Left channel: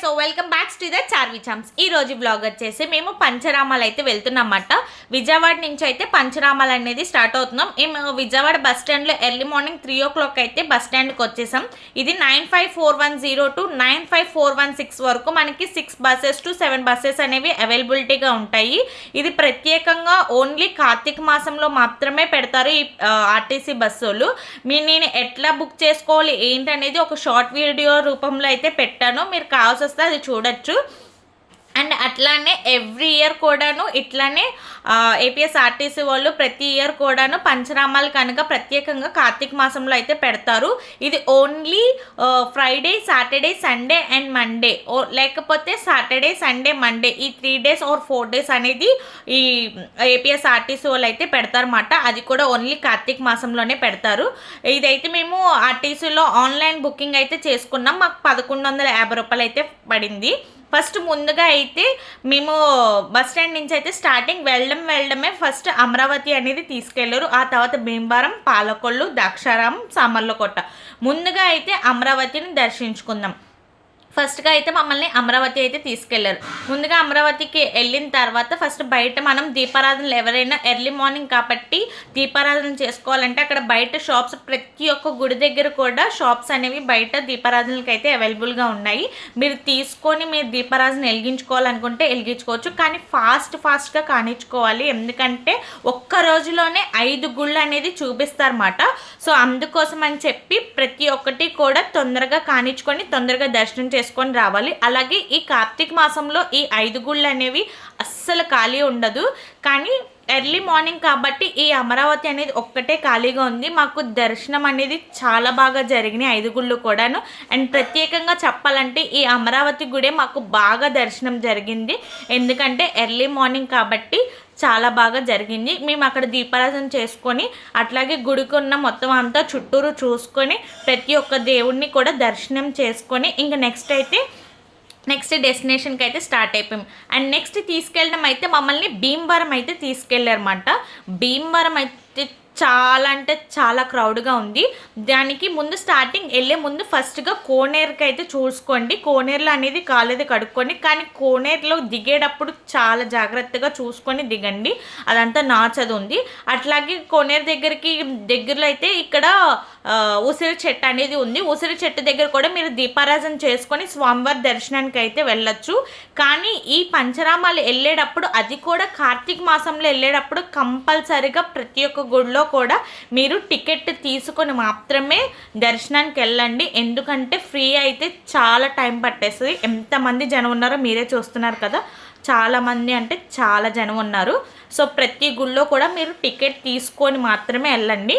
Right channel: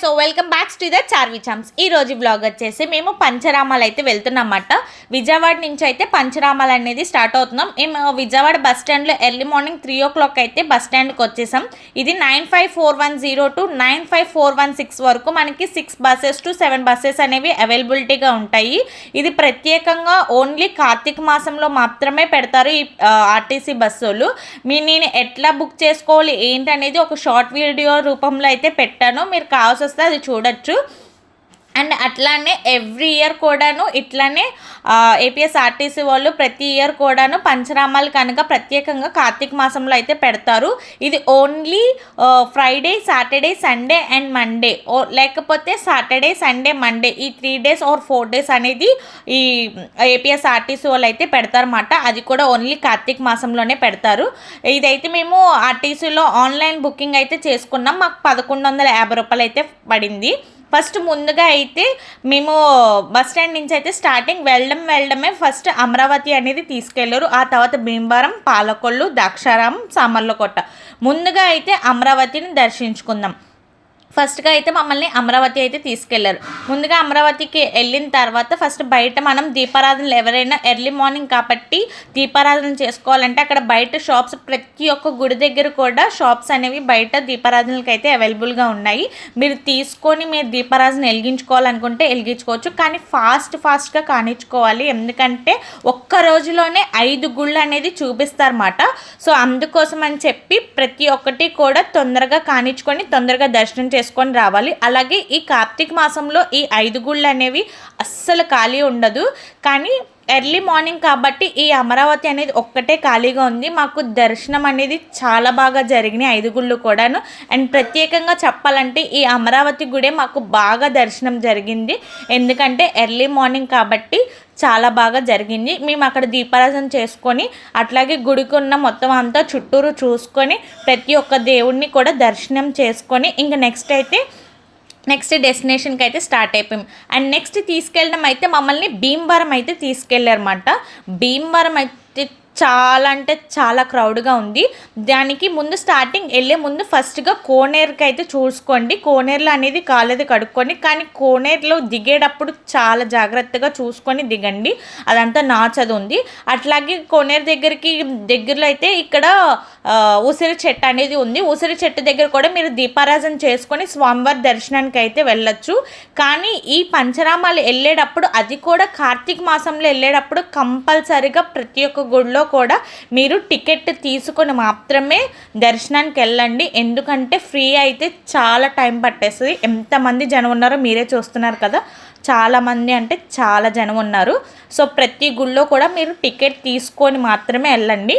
So welcome back to the Charvi charms. ఈ రోజు blog వచ్చేసి మేము పంచరామాలు అయితే వెళ్తున్నామన్నమాట. విజయవాడ నుంచి అయితే పంచరామాలు అనేది స్టార్ట్ అవుతున్నాం. మేము విజయవాడ బస్ స్టాండ్లో ఎర్లీ మార్నింగ్ 3 o'clock అయితే బస్ స్టాండ్కి వచ్చేసాం. ఇది 95410 టు 95416 వరకు మనకి 6 buses టు 7 buses అనేవి అవైలబిలిటీగా ఉంటాయి. ఇది ప్రత్యేకంగా ఓన్లీ కార్తీక మాసంలో మాత్రమే పెడతారు ఈ ఆర్టీసీ బస్సులు. నేను ఎట్లా బుక్ చేసుకోవాలి ఏంటనేది ఒక షార్ట్ వీడియో రూపంలో అయితే పెట్టాను, మీరు కావాల్సి వస్తే అది చూడొచ్చు. అండ్ అట్లానే ఎవ్రీ ఇయర్ కూడాను ఇట్లానే ఏపీఎస్ఆర్టీసీ వాళ్ళు ప్రతి ఇయర్ కూడాను పంచరామాలు కనుక ప్రత్యేకంగా కార్తీక మాసంలో అయితే పెడతారు. ఇది only Friday, Saturday, Sunday and Monday, లేకపోతే సాటర్డే, సండే, మండే ఈ 3 days or 4 days అనేది ఈ ఏపీఎస్ఆర్టీసీ వాళ్ళు అయితే పెడతారన్నమాట. అది కూడా ఓన్లీ కార్తీక మాసంలోనే పెడతారు. ఇదైతే మేము ఆర్టీసీలో ఆన్లైన్ బుకింగ్ అయితే చేసుకున్నాం. మాకు 1150 రూపాయలు అయితే పడింది. ఫస్ట్ ముందుగా అయితే మేము బస్ స్టాండ్ నుంచి అయితే స్టార్టింగ్ వెళ్ళడమే ఫస్ట్ అమరావతి అనేది తీసుకెళ్ళారు. ఆ తర్వాత భీమవరం, పాలకొల్లు, ద్రాక్షారామం, సామర్లకోట. ముందుగా అయితే అమరావతిని దర్శించుకుందాం. ఫస్ట్గా అయితే మమ్మల్ని అమరావతి అయితే తీసుకెళ్లారు. ముందుగా అమరావతికి వెళ్ళిన తర్వాత ఫస్ట్ బయట మనం దీపారాధనలు ఎవరైనా ఎర్లీ మార్నింగ్ కాబట్టి దీపారాధన చేసుకోవాలంటే అక్కడ బయట షాప్స్, ప్రతి ఒక్క గుడి దగ్గర కూడా షాప్స్ అనేవి బయట దీపారాధనలకు అయితే అవైలబుల్గా ఉన్నాయి. మీరు తీసుకొని మీరు దీపారాధన వెలిగించుకోవాలనుకుంటే వెలిగించుకోవచ్చు, కానీ ఫాస్ట్గా కానిచ్చుకోవాలి. ఎందుకంటే ఒక్క రోజులోనే 5 గుళ్ళు అనేది చూపిస్తారన్నమాట. సో అందుకోసం అని చెప్పి ప్రతి ఒక్కటి కూడా తొందరగా కానిచ్చుకొని తొందరగా దర్శనం చేసుకొని రావాలి. అలాగే ఈ కార్తీక మాసంలో ఈ 5 గుళ్ళు అనేవి అస్సలు ఖాళీ ఉండదు. కానీ ఎర్లీ మార్నింగ్ కాబట్టి ఈ అమరావతి అనేది ఒక్కటే ఖాళీగా ఉంది. మాకు దర్శనం అనేది చాలా బాగా జరిగినాయి 5 గుళ్ళు కూడాను. అండ్ ప్రత్యేకంగా చెప్పాలంటే ఈ అమరావతి గుడే మాకు బాగా దర్శనం జరిగింది. ఎందుకంటే ఎర్లీ మార్నింగ్ కాబట్టి చాలా బాగా జరిగింది. మేము అక్కడ దీపారాధన చేసుకొని అట్లాగే గుడికి ఉన్న మొత్తం అంతా చుట్టూరు చూసుకొని ప్రతి ఒక్క దేవుడిని కూడా దర్శనం చేసుకొని ఇంకా నెక్స్ట్ డెస్టినేషన్కి అయితే స్టార్ట్ అయిపోయాం. అండ్ నెక్స్ట్ తీసుకెళ్ళడం అయితే మమ్మల్ని భీమవరం అయితే తీసుకెళ్ళారన్నమాట. భీమవరం అయితే చాలా అంటే చాలా క్రౌడ్గా ఉంది. దానికి ముందు స్టార్టింగ్ వెళ్ళే ముందు ఫస్ట్గా కోనేరుకి అయితే చూసుకోండి. కోనేరులో అనేది కాలేదు కడుక్కొని, కానీ కోనేరులో దిగేటప్పుడు చాలా జాగ్రత్తగా చూసుకొని దిగండి, అదంతా నాచదు ఉంది. అట్లాగే కోనేరు దగ్గరలో అయితే ఇక్కడ ఉసిరి చెట్టు అనేది ఉంది. ఉసిరి చెట్టు దగ్గర కూడా మీరు దీపారాధన చేసుకొని స్వామివారి దర్శనానికి అయితే వెళ్ళొచ్చు. కానీ ఈ పంచరామాలు వెళ్ళేటప్పుడు, అది కూడా కార్తీక మాసంలో వెళ్ళేటప్పుడు కంపల్సరిగా ప్రతి ఒక్క గుడిలో కూడా మీరు టికెట్ తీసుకొని మాత్రమే దర్శనానికి వెళ్ళండి. ఎందుకంటే ఫ్రీ అయితే చాలా టైం పట్టేస్తుంది. ఎంతమంది జనం ఉన్నారో మీరే చూస్తున్నారు కదా, చాలామంది అంటే చాలా జనం ఉన్నారు. సో ప్రతి గుడిలో కూడా మీరు టికెట్ తీసుకొని మాత్రమే వెళ్ళండి.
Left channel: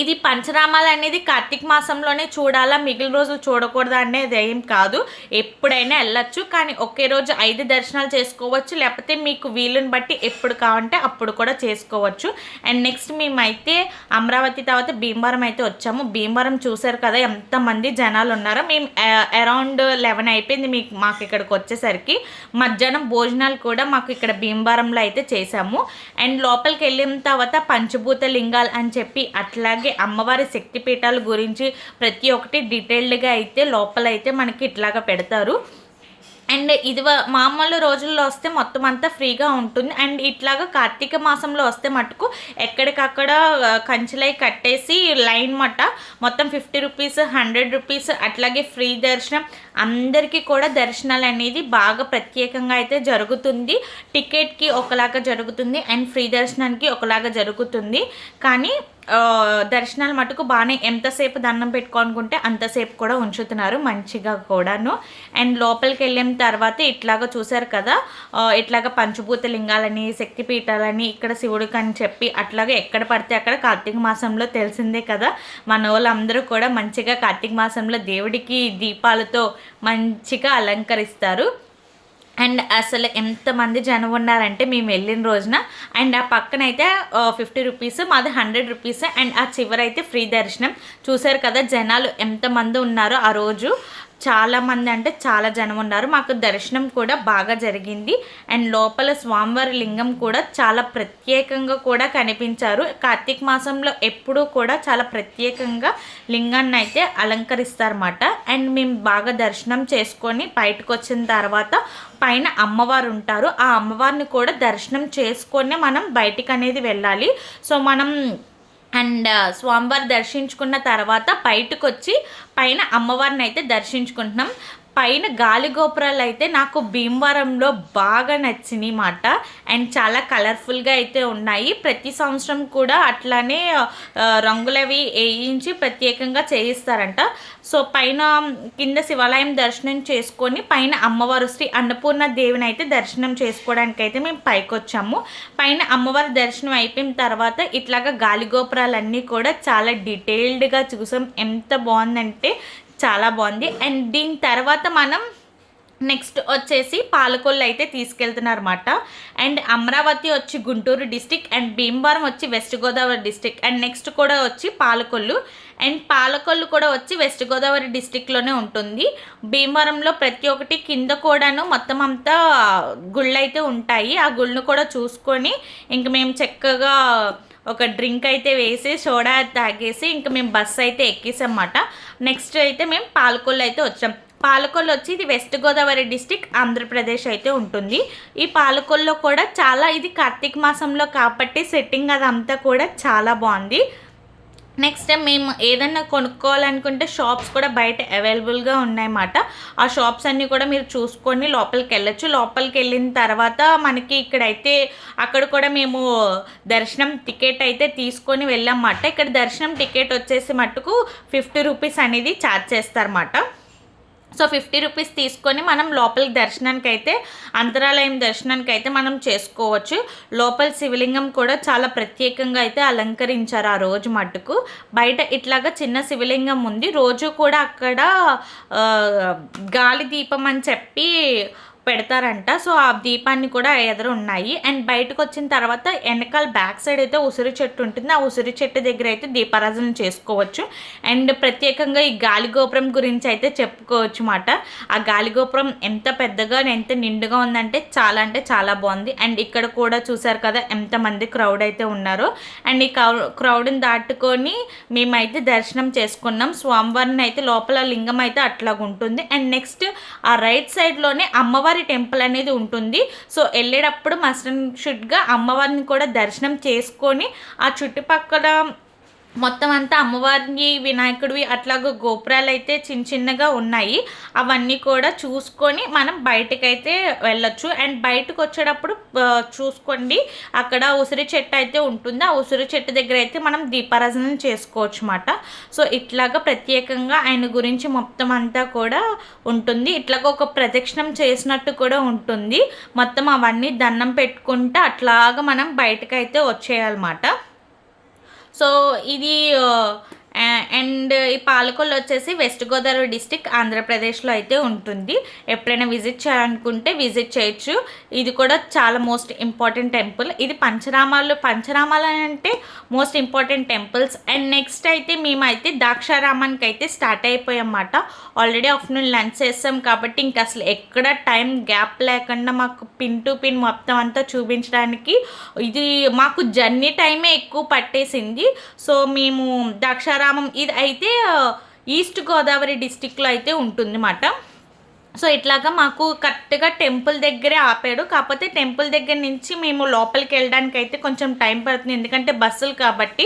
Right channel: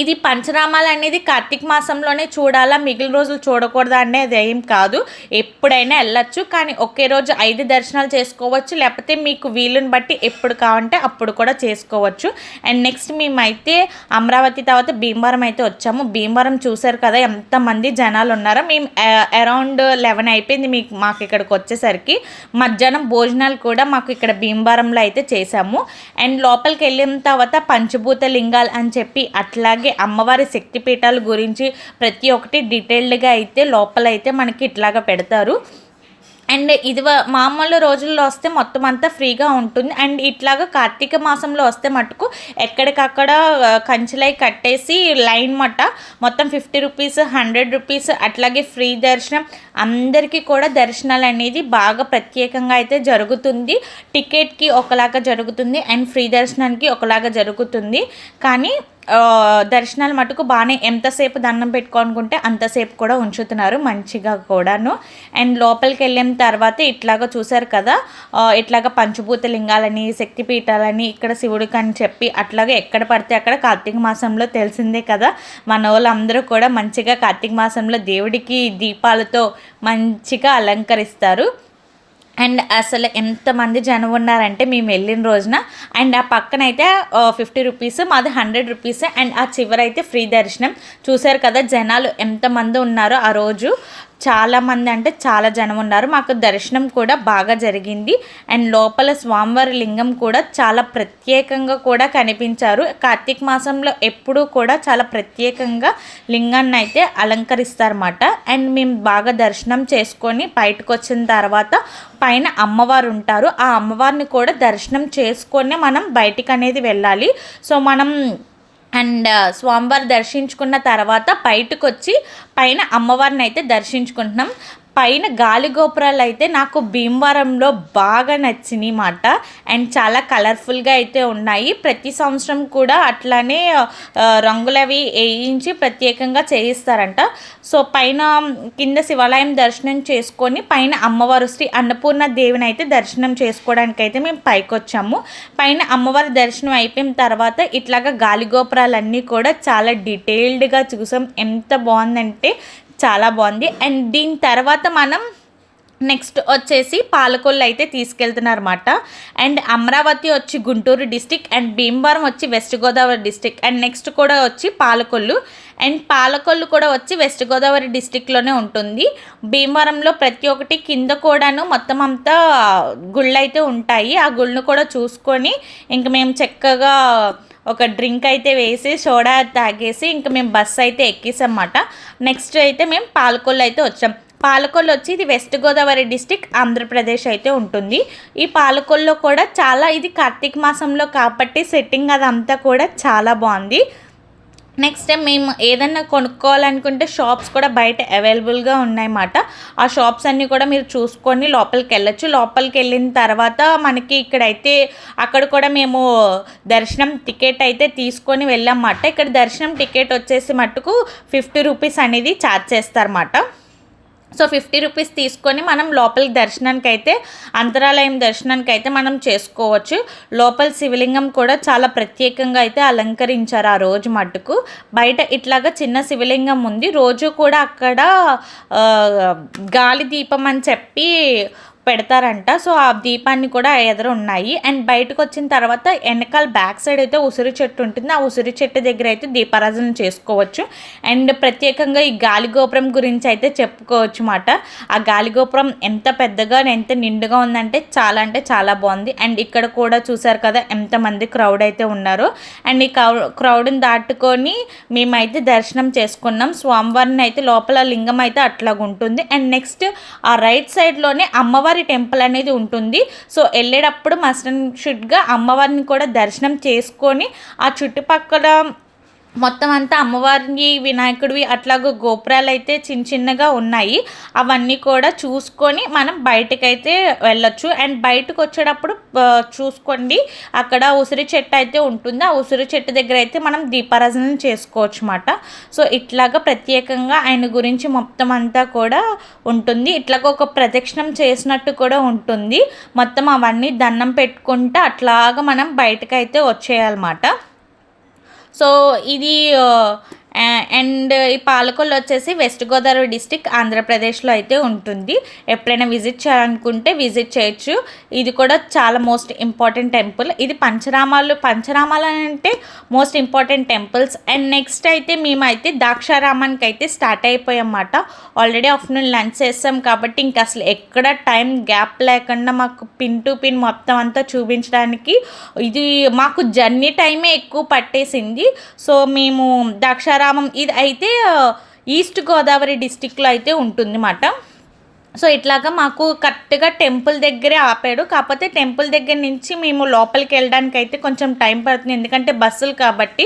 ఇది పంచరామాలు అనేది కార్తీక మాసంలోనే చూడాలా, మిగిలిన రోజులు చూడకూడదా అనేది ఏం కాదు, ఎప్పుడైనా వెళ్ళచ్చు. కానీ ఒకే రోజు 5 దర్శనాలు చేసుకోవచ్చు, లేకపోతే మీకు వీలుని బట్టి ఎప్పుడు కావాలంటే అప్పుడు కూడా చేసుకోవచ్చు. అండ్ నెక్స్ట్ మేమైతే అమరావతి తర్వాత భీమవరం అయితే వచ్చాము. భీమవరం చూసారు కదా ఎంతమంది జనాలు ఉన్నారో. మేము అరౌండ్ 11 అయిపోయింది మాకు ఇక్కడికి వచ్చేసరికి. మధ్యాహ్నం భోజనాలు కూడా మాకు ఇక్కడ భీమవరంలో అయితే చేసాము. అండ్ లోపలికి వెళ్ళిన తర్వాత పంచభూత లింగాలు అని చెప్పి అట్లా అమ్మవారి శక్తిపీఠాల గురించి ప్రతి ఒక్కటి డీటెయిల్డ్గా అయితే లోపల అయితే మనకి ఇట్లాగా పెడతారు. అండ్ ఇది మామూలు రోజుల్లో వస్తే మొత్తం అంతా ఫ్రీగా ఉంటుంది. అండ్ ఇట్లాగా కార్తీక మాసంలో వస్తే మటుకు ఎక్కడికక్కడ కంచెలై కట్టేసి లైన్ మొత్తం 50 రూపీస్, 100 రూపీస్ అట్లాగే ఫ్రీ దర్శనం. అందరికీ కూడా దర్శనాలు అనేది బాగా ప్రత్యేకంగా అయితే జరుగుతుంది. టికెట్కి ఒకలాగా జరుగుతుంది అండ్ ఫ్రీ దర్శనానికి ఒకలాగా జరుగుతుంది. కానీ దర్శనాలు మటుకు బాగానే, ఎంతసేపు దండం పెట్టుకోనుకుంటే అంతసేపు కూడా ఉంచుతున్నారు మంచిగా కూడాను. అండ్ లోపలికి వెళ్ళిన తర్వాత ఇట్లాగా చూసారు కదా, ఇట్లాగా పంచభూత లింగాలని, శక్తిపీఠాలని, ఇక్కడ శివుడికి అని చెప్పి అట్లాగే ఎక్కడ పడితే అక్కడ కార్తీక మాసంలో తెలిసిందే కదా మన వాళ్ళందరూ కూడా మంచిగా కార్తీక మాసంలో దేవుడికి దీపాలతో మంచిగా అలంకరిస్తారు. అండ్ అసలు ఎంతమంది జనం ఉన్నారంటే మేము వెళ్ళిన రోజున. అండ్ ఆ పక్కన అయితే 50 రూపీస్, మాది 100 రూపీస్. అండ్ ఆ చివరైతే ఫ్రీ దర్శనం. చూసారు కదా జనాలు ఎంతమంది ఉన్నారో ఆ రోజు. చాలామంది అంటే చాలా జనం ఉన్నారు. మాకు దర్శనం కూడా బాగా జరిగింది. అండ్ లోపల స్వామివారి లింగం కూడా చాలా ప్రత్యేకంగా కూడా కనిపించారు. కార్తీక మాసంలో ఎప్పుడూ కూడా చాలా ప్రత్యేకంగా లింగాన్ని అయితే అలంకరిస్తారన్నమాట. అండ్ మేము బాగా దర్శనం చేసుకొని బయటకు వచ్చిన తర్వాత పైన అమ్మవారు ఉంటారు. ఆ అమ్మవారిని కూడా దర్శనం చేసుకొని మనం బయటికి అనేది వెళ్ళాలి. సో మనం స్వామివారి దర్శించుకున్న తర్వాత బయటకు వచ్చి పైన అమ్మవారిని అయితే దర్శించుకుంటున్నాం. పైన గాలి గోపురాలు అయితే నాకు భీమవరంలో బాగా నచ్చినాయి మాట. అండ్ చాలా కలర్ఫుల్గా అయితే ఉన్నాయి. ప్రతి సంవత్సరం కూడా అట్లానే రంగులవి వేయించి ప్రత్యేకంగా చేయిస్తారంట. సో పైన కింద శివాలయం దర్శనం చేసుకొని పైన అమ్మవారు శ్రీ అన్నపూర్ణ దేవిని అయితే దర్శనం చేసుకోవడానికి అయితే మేము పైకి వచ్చాము. పైన అమ్మవారి దర్శనం అయిపోయిన తర్వాత ఇట్లాగా గాలి గోపురాలన్నీ కూడా చాలా డీటెయిల్డ్గా చూసాం. ఎంత బాగుందంటే చాలా బాగుంది. అండ్ దీని తర్వాత మనం నెక్స్ట్ వచ్చేసి పాలకొల్లు అయితే తీసుకెళ్తున్నారన్నమాట. అండ్ అమరావతి వచ్చి గుంటూరు డిస్టిక్, అండ్ భీమవరం వచ్చి west Godavari district, and next కూడా వచ్చి పాలకొల్లు. అండ్ పాలకొల్లు కూడా వచ్చి వెస్ట్ గోదావరి డిస్టిక్లోనే ఉంటుంది. భీమవరంలో ప్రతి ఒక్కటి కింద కూడాను మొత్తం అంతా గుళ్ళు అయితే ఉంటాయి. ఆ గుళ్ళను కూడా చూసుకొని ఇంక మేము చక్కగా ఒక డ్రింక్ అయితే వేసి సోడా తాగేసి ఇంకా మేము బస్సు అయితే ఎక్కేసామన్నమాట. నెక్స్ట్ అయితే మేము పాలకొల్లు అయితే వచ్చాం. పాలకొల్లు వచ్చి ఇది వెస్ట్ గోదావరి డిస్టిక్ ఆంధ్రప్రదేశ్ అయితే ఉంటుంది. ఈ పాలకొల్లో కూడా చాలా ఇది కార్తీక మాసంలో కాబట్టి సెట్టింగ్ అదంతా కూడా చాలా బాగుంది. నెక్స్ట్ మేము ఏదన్నా కొనుక్కోవాలనుకుంటే షాప్స్ కూడా బయట అవైలబుల్గా ఉన్నాయన్నమాట. ఆ షాప్స్ అన్నీ కూడా మీరు చూసుకొని లోపలికి వెళ్ళొచ్చు. లోపలికి వెళ్ళిన తర్వాత మనకి ఇక్కడైతే అక్కడ కూడా మేము దర్శనం టికెట్ అయితే తీసుకొని వెళ్ళామన్నమాట. ఇక్కడ దర్శనం టికెట్ వచ్చేసి మట్టుకు 50 రూపీస్ అనేది ఛార్జ్ చేస్తారన్నమాట. సో 50 రూపీస్ తీసుకొని మనం లోపల దర్శనానికి అయితే అంతరాలయం దర్శనానికి అయితే మనం చేసుకోవచ్చు. లోపల శివలింగం కూడా చాలా ప్రత్యేకంగా అయితే అలంకరించారు ఆ రోజు మట్టుకు. బయట ఇట్లాగా చిన్న శివలింగం ఉంది. రోజు కూడా అక్కడ గాలి దీపం అని చెప్పి పెడతారంట. సో ఆ దీపాన్ని కూడా ఎదురు ఉన్నాయి. అండ్ బయటకు వచ్చిన తర్వాత వెనకాల బ్యాక్ సైడ్ అయితే ఉసిరి చెట్టు ఉంటుంది. ఆ ఉసిరి చెట్టు దగ్గర అయితే దీపారాధన చేసుకోవచ్చు. అండ్ ప్రత్యేకంగా ఈ గాలి గోపురం గురించి అయితే చెప్పుకోవచ్చు మాట. ఆ గాలి గోపురం ఎంత పెద్దగా ఎంత నిండుగా ఉందంటే చాలా బాగుంది. అండ్ ఇక్కడ కూడా చూసారు కదా ఎంతమంది క్రౌడ్ అయితే ఉన్నారో. అండ్ ఈ క్రౌడ్ని దాటుకొని మేమైతే దర్శనం చేసుకున్నాం. స్వామివారిని అయితే లోపల లింగం అయితే అట్లాగుంటుంది. అండ్ నెక్స్ట్ ఆ రైట్ సైడ్లోనే అమ్మవారి టెంపుల్ అనేది ఉంటుంది. సో వెళ్ళేటప్పుడు మస్ట్ అండ్ షుడ్గా అమ్మవారిని కూడా దర్శనం చేసుకొని ఆ చుట్టుపక్కల మొత్తం అంతా అమ్మవారిని వినాయకుడివి అట్లాగ గోపురాలు అయితే చిన్నగా ఉన్నాయి. అవన్నీ కూడా చూసుకొని మనం బయటకైతే వెళ్ళొచ్చు. అండ్ బయటకు వచ్చేటప్పుడు చూసుకోండి అక్కడ ఉసిరి చెట్టు అయితే ఉంటుంది. ఆ ఉసిరి చెట్టు దగ్గర అయితే మనం దీపారాధన చేసుకోవచ్చు అన్నమాట. సో ఇట్లాగా ప్రత్యేకంగా ఆయన గురించి మొత్తం అంతా కూడా ఉంటుంది. ఇట్లాగ ఒక ప్రదక్షిణం చేసినట్టు కూడా ఉంటుంది. మొత్తం అవన్నీ దండం పెట్టుకుంటూ అట్లాగా మనం బయటకైతే వచ్చేయాలన్నమాట. సో ఇది అండ్ ఈ పాలకొల్లు వచ్చేసి వెస్ట్ గోదావరి డిస్టిక్ ఆంధ్రప్రదేశ్లో అయితే ఉంటుంది. ఎప్పుడైనా విజిట్ చేయాలనుకుంటే విజిట్ చేయొచ్చు. ఇది కూడా చాలా మోస్ట్ ఇంపార్టెంట్ టెంపుల్. ఇది పంచరామాలు అంటే most important temples. And next అయితే మేమైతే ద్రాక్షారామానికి అయితే స్టార్ట్ అయిపోయామన్నమాట. ఆల్రెడీ ఆఫ్టర్నూన్ లంచ్ చేస్తాం కాబట్టి ఇంకా అసలు ఎక్కడ టైం గ్యాప్ లేకుండా మాకు పిన్ టు పిన్ మొత్తం అంతా చూపించడానికి ఇది మాకు జర్నీ టైమే ఎక్కువ పట్టేసింది. సో మేము ద్రాక్షారామం ఇది అయితే ఈస్ట్ గోదావరి డిస్టిక్లో అయితే ఉంటుందన్నమాట. సో ఇట్లాగా మాకు కరెక్ట్గా టెంపుల్ దగ్గరే ఆపాడు. కాకపోతే టెంపుల్ దగ్గర నుంచి మేము లోపలికి వెళ్ళడానికి అయితే కొంచెం టైం పడుతుంది. ఎందుకంటే బస్సులు కాబట్టి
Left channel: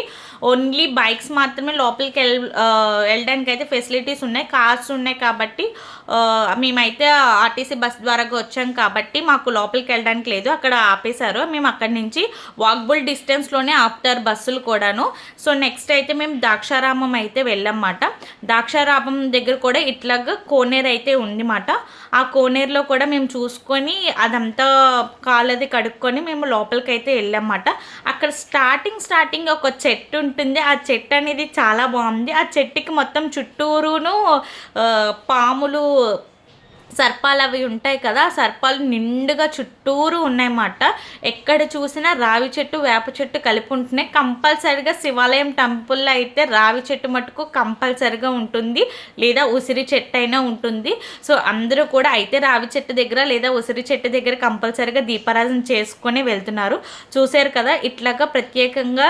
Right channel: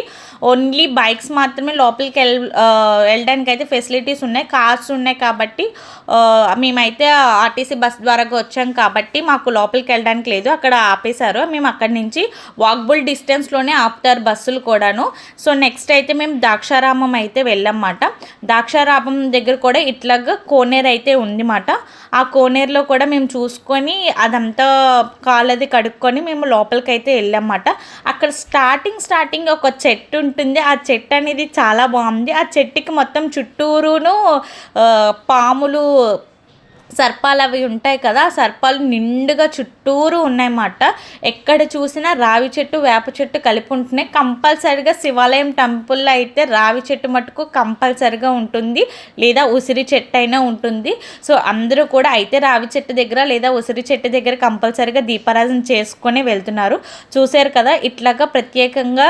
ఓన్లీ బైక్స్ మాత్రమే లోపలికి వెళ్ళడానికి అయితే ఫెసిలిటీస్ ఉన్నాయి. కార్స్ ఉన్నాయి కాబట్టి మేమైతే ఆర్టీసీ బస్ ద్వారా వచ్చాం కాబట్టి మాకు లోపలికి వెళ్ళడానికి లేదు. అక్కడ ఆపేశారు. మేము అక్కడి నుంచి వాకబుల్ డిస్టెన్స్లోనే ఆపుతారు బస్సులు కూడాను. సో నెక్స్ట్ అయితే మేము ద్రాక్షారామం అయితే వెళ్ళామన్నమాట. ద్రాక్షారామం దగ్గర కూడా ఇట్లాగా కోనేరు అయితే ఉందన్నమాట. ఆ కోనేరులో కూడా మేము చూసుకొని అదంతా కాలది కడుక్కొని మేము లోపలికి అయితే వెళ్ళామన్నమాట. అక్కడ స్టార్టింగ్ ఒక చెట్టు ఉంటుంది. ఆ చెట్టు అనేది చాలా బాగుంది. ఆ చెట్టుకి మొత్తం చుట్టూరును పాములు సర్పాలు అవి ఉంటాయి కదా, ఆ సర్పాలు నిండుగా చుట్టూరు ఉన్నాయన్నమాట. ఎక్కడ చూసినా రావి చెట్టు వేప చెట్టు కలిపి ఉంటున్నాయి. కంపల్సరిగా శివాలయం టెంపుల్లో అయితే రావి చెట్టు మటుకు కంపల్సరిగా ఉంటుంది, లేదా ఉసిరి చెట్టు అయినా ఉంటుంది. సో అందరూ కూడా అయితే రావి చెట్టు దగ్గర లేదా ఉసిరి చెట్టు దగ్గర కంపల్సరిగా దీపారాధన చేసుకొని వెళ్తున్నారు. చూసారు కదా, ఇట్లాగా ప్రత్యేకంగా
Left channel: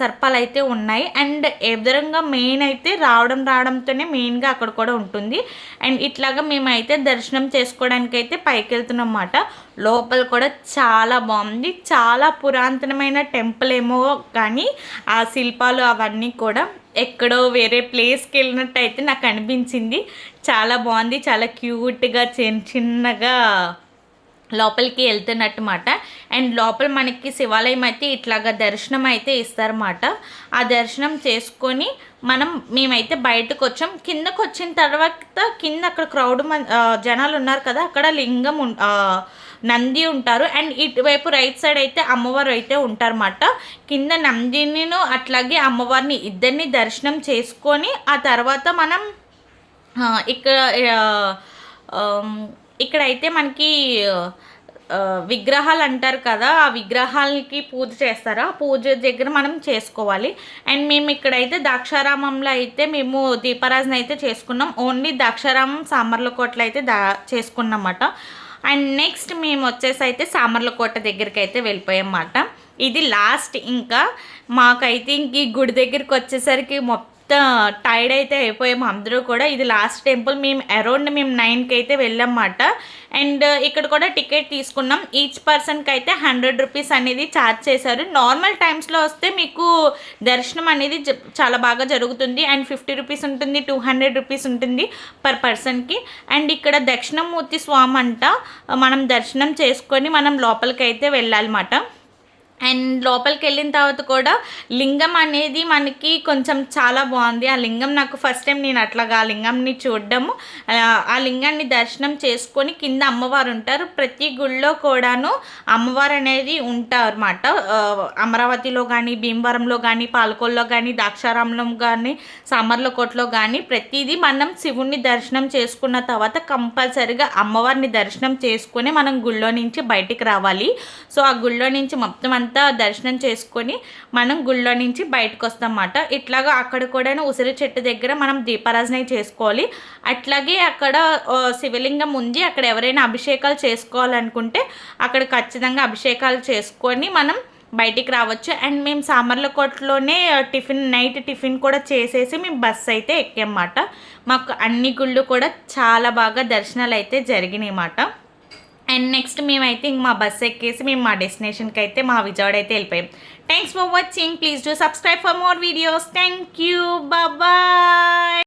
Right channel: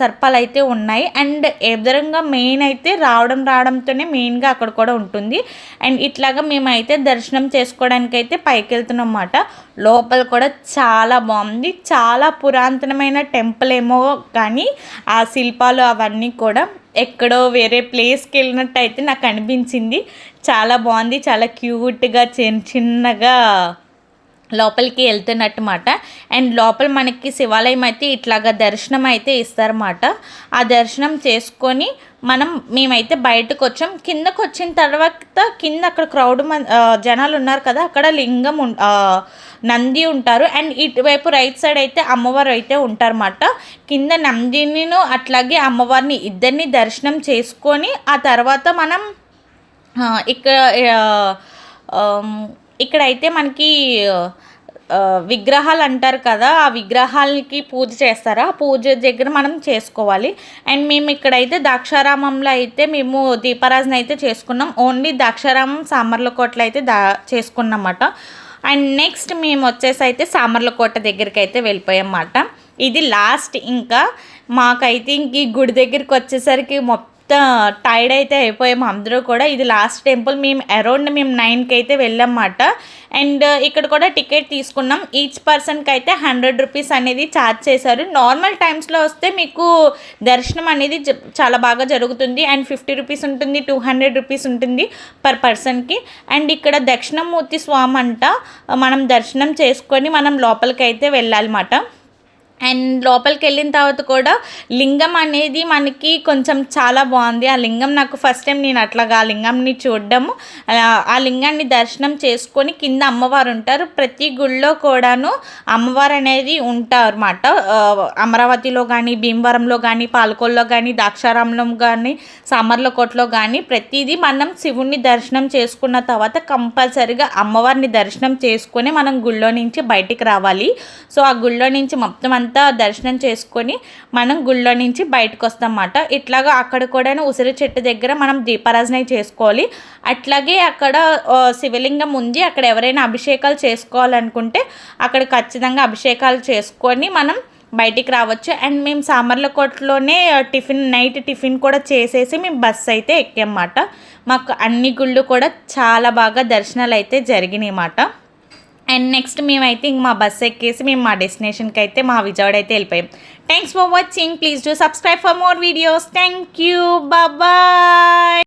సర్పాలు అయితే ఉన్నాయి. అండ్ ఎదురంగా మెయిన్ అయితే రావడంతోనే మెయిన్గా అక్కడ కూడా ఉంటుంది. అండ్ ఇట్లాగా మేమైతే దర్శనం చేసుకోవడానికి అయితే పైకి వెళ్తున్నాం అన్నమాట. లోపల కూడా చాలా బాగుంది. చాలా పురాతనమైన టెంపుల్ ఏమో కానీ ఆ శిల్పాలు అవన్నీ కూడా ఎక్కడో వేరే ప్లేస్కి వెళ్ళినట్టు అయితే నాకు అనిపించింది. చాలా బాగుంది, చాలా క్యూట్గా చిన్నగా లోపలికి వెళ్తున్నట్టు మాట. అండ్ లోపల మనకి శివాలయం అయితే ఇట్లాగా దర్శనం అయితే ఇస్తారన్నమాట. ఆ దర్శనం చేసుకొని మేమైతే బయటకు వచ్చాం. కిందకు వచ్చిన తర్వాత కింద అక్కడ జనాలు ఉన్నారు కదా, అక్కడ లింగం నంది ఉంటారు. అండ్ ఇటువైపు రైట్ సైడ్ అయితే అమ్మవారు అయితే ఉంటారన్నమాట. కింద నందిని అట్లాగే అమ్మవారిని ఇద్దరిని దర్శనం చేసుకొని ఆ తర్వాత మనం ఇక్కడైతే మనకి విగ్రహాలు అంటారు కదా, ఆ విగ్రహాలకి పూజ చేస్తారు. ఆ పూజ దగ్గర మనం చేసుకోవాలి. అండ్ మేము ఇక్కడైతే ద్రాక్షారామంలో అయితే మేము దీపారాధన అయితే చేసుకున్నాం. ఓన్లీ ద్రాక్షారామం సామర్లకోటలో అయితే చేసుకున్నమాట. అండ్ నెక్స్ట్ మేము వచ్చేసి అయితే సామర్లకోట దగ్గరికి అయితే వెళ్ళిపోయామన్నమాట. ఇది లాస్ట్. ఇంకా మాకైతే ఇంక ఈ గుడి దగ్గరికి వచ్చేసరికి మొత్తం టైర్డ్ అయితే అయిపోయాము అందరూ కూడా. ఇది లాస్ట్ టెంపుల్. మేము అరౌండ్ 9కి అయితే వెళ్ళామన్నమాట. అండ్ ఇక్కడ కూడా టికెట్ తీసుకున్నాం. ఈచ్ పర్సన్కి అయితే 100 రూపీస్ అనేది ఛార్జ్ చేశారు. నార్మల్ టైమ్స్లో వస్తే మీకు దర్శనం అనేది చాలా బాగా జరుగుతుంది. అండ్ 50 రూపీస్ ఉంటుంది, 200 రూపీస్ ఉంటుంది పర్ పర్సన్కి. అండ్ ఇక్కడ దక్షిణమూర్తి స్వామి అంట, మనం దర్శనం చేసుకొని మనం లోపలికి అయితే వెళ్ళాలన్నమాట. అండ్ లోపలికి వెళ్ళిన తర్వాత కూడా లింగం అనేది మనకి కొంచెం చాలా బాగుంది. ఆ లింగం నాకు ఫస్ట్ టైం నేను అట్లాగా ఆ లింగంని చూడడము, ఆ లింగాన్ని దర్శనం చేసుకొని కింద అమ్మవారు ఉంటారు. ప్రతి గుళ్ళో కూడాను అమ్మవారు అనేది ఉంటారు అన్నమాట. అమరావతిలో కానీ, భీమవరంలో కానీ, పాలకొల్లో కానీ, ద్రాక్షారామంలో కానీ, సామర్లకోటలో కానీ ప్రతిదీ మనం శివుణ్ణి దర్శనం చేసుకున్న తర్వాత కంపల్సరిగా అమ్మవారిని దర్శనం చేసుకొని మనం గుళ్ళో నుంచి బయటికి రావాలి. సో ఆ గుళ్ళో నుంచి మొత్తం అంతా దర్శనం చేసుకొని మనం గుళ్ళో నుంచి బయటకు వస్తామన్నమాట. ఇట్లాగా అక్కడ కూడా ఉసిరి చెట్టు దగ్గర మనం దీపారాధన చేసుకోవాలి. అట్లాగే అక్కడ శివలింగం ఉంది. అక్కడ ఎవరైనా అభిషేకాలు చేసుకోవాలనుకుంటే అక్కడ ఖచ్చితంగా అభిషేకాలు చేసుకొని మనం బయటికి రావచ్చు. అండ్ మేము సామర్లకోటలోనే నైట్ టిఫిన్ కూడా చేసేసి మేము బస్సు అయితే ఎక్కామన్నమాట. మాకు అన్ని గుళ్ళు కూడా చాలా బాగా దర్శనాలు అయితే జరిగినాయి అన్నమాట. అండ్ నెక్స్ట్ మేమైతే ఇంక మా బస్సు ఎక్కేసి మేము మా డెస్టినేషన్కి అయితే మా విజయవాడ అయితే వెళ్ళిపోయాం. Thanks for watching. Please do subscribe for more videos. Thank you. Bye.